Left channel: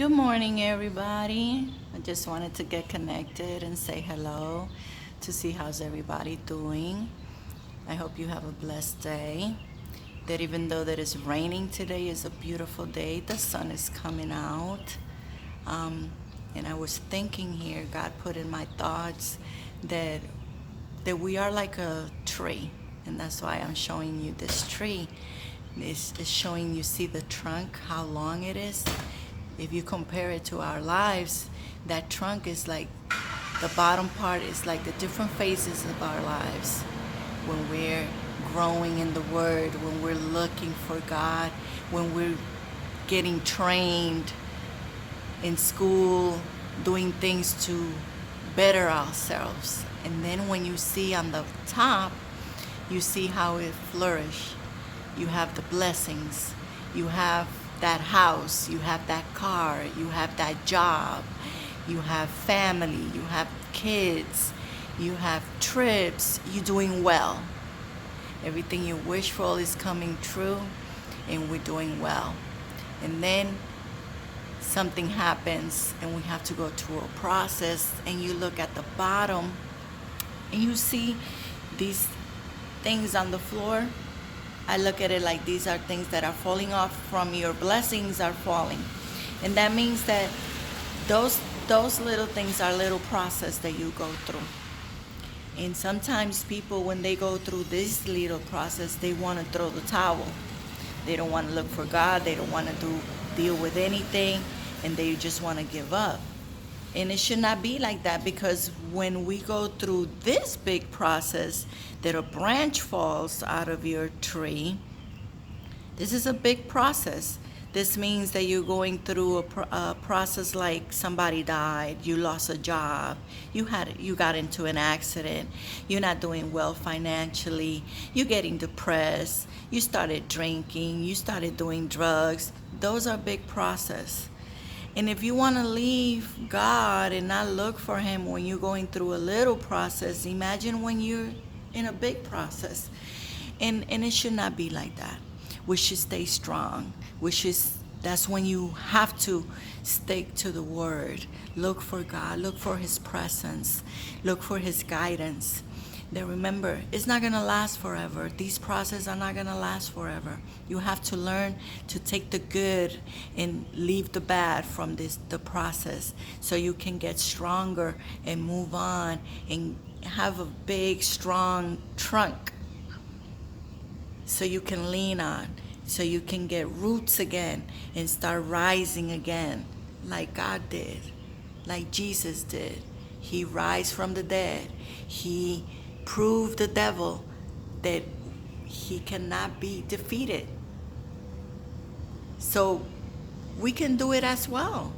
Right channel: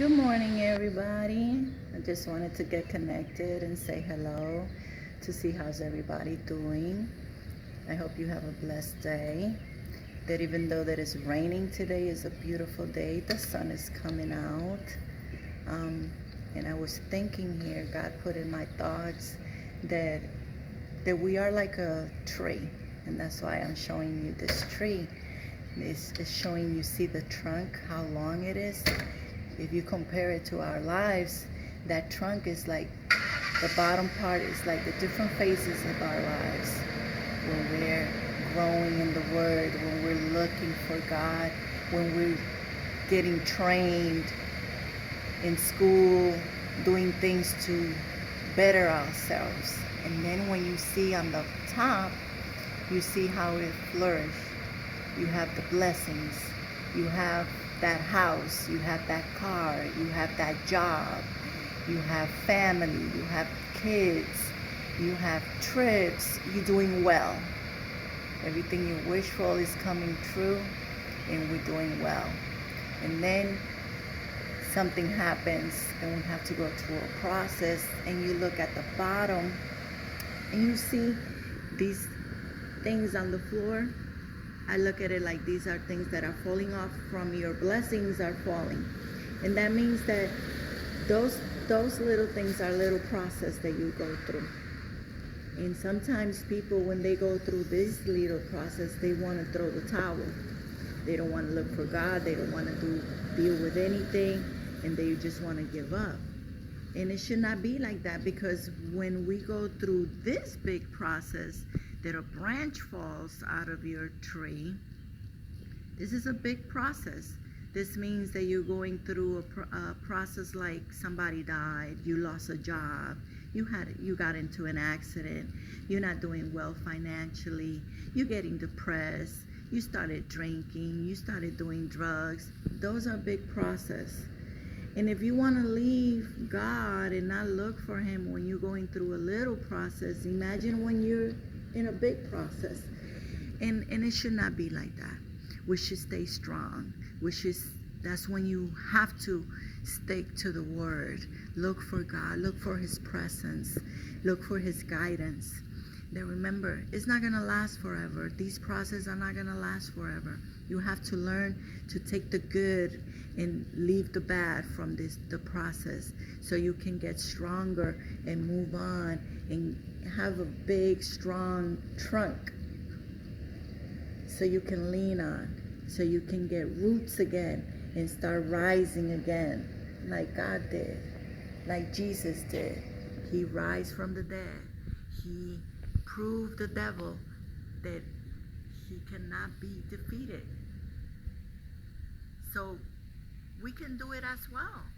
Good morning, everybody. I just wanted to get connected and say hello to see how's everybody doing. I hope you have a blessed day. That even though that it's raining today, is a beautiful day. The sun is coming out. Um, and I was thinking here, God put in my thoughts that we are like a tree, and that's why I'm showing you this tree. It's showing you, see the trunk, how long it is. If you compare it to our lives, that trunk is like the bottom part is like the different phases of our lives. When we're growing in the Word, when we're looking for God, when we're getting trained in school, doing things to better ourselves. And then when you see on the top, you see how it flourished. You have the blessings. You have that house. You have that car. You have that job. You have family. You have kids. You have trips. You're doing well. Everything you wish for is coming true, and we're doing well. And then something happens, and we have to go through a process, and you look at the bottom, and you see these things on the floor. I look at it like these are things that are falling off from your blessings are falling. And that means that those little things are little process that you go through. And sometimes people, when they go through this little process, they want to throw the towel. They don't want to look for God. They don't want to deal with anything, and they just want to give up. And it should not be like that, because when we go through this big process that a branch falls out of your tree, this is a big process. This means that you're going through a process like somebody died, you lost a job, you got into an accident, you're not doing well financially, you're getting depressed, you started drinking, you started doing drugs. Those are big process. And if you want to leave God and not look for Him when you're going through a little process, imagine when you're in a big process. And it should not be like that. We should stay strong. That's when you have to stick to the Word. Look for God. Look for His presence. Look for His guidance. Then remember, it's not going to last forever. These processes are not going to last forever. You have to learn to take the good and leave the bad from the process, so you can get stronger and move on and have a big, strong trunk so you can lean on, so you can get roots again and start rising again like God did, like Jesus did. He rise from the dead. He proved the devil that he cannot be defeated. So we can do it as well.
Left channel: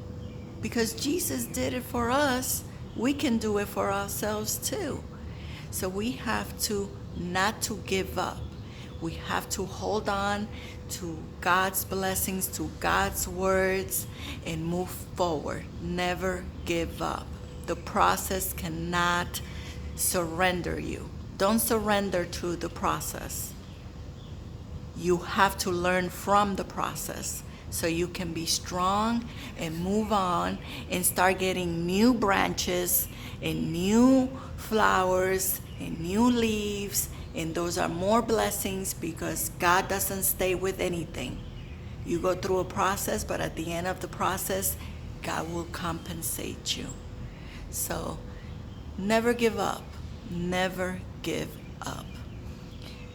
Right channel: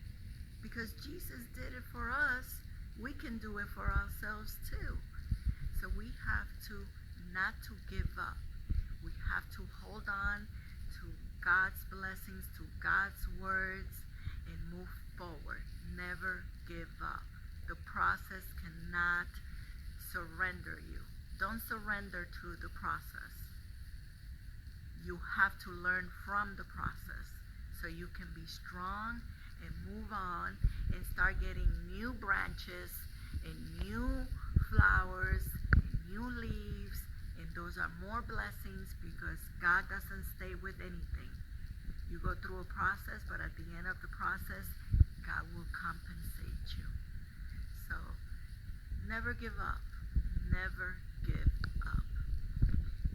Because Jesus did it for us, we can do it for ourselves too. So we have to not to give up. We have to hold on to God's blessings, to God's words, and move forward. Never give up. The process cannot surrender you. Don't surrender to the process. You have to learn from the process so you can be strong and move on and start getting new branches and new flowers and new leaves. And those are more blessings, because God doesn't stay with anything. You go through a process, but at the end of the process, God will compensate you. So never give up. Never give up.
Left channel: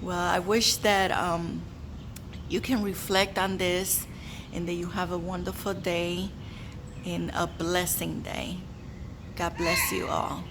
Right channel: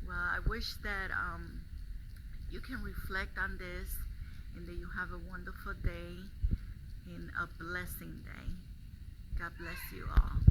Well, I wish that you can reflect on this, and that you have a wonderful day and a blessing day. God bless you all.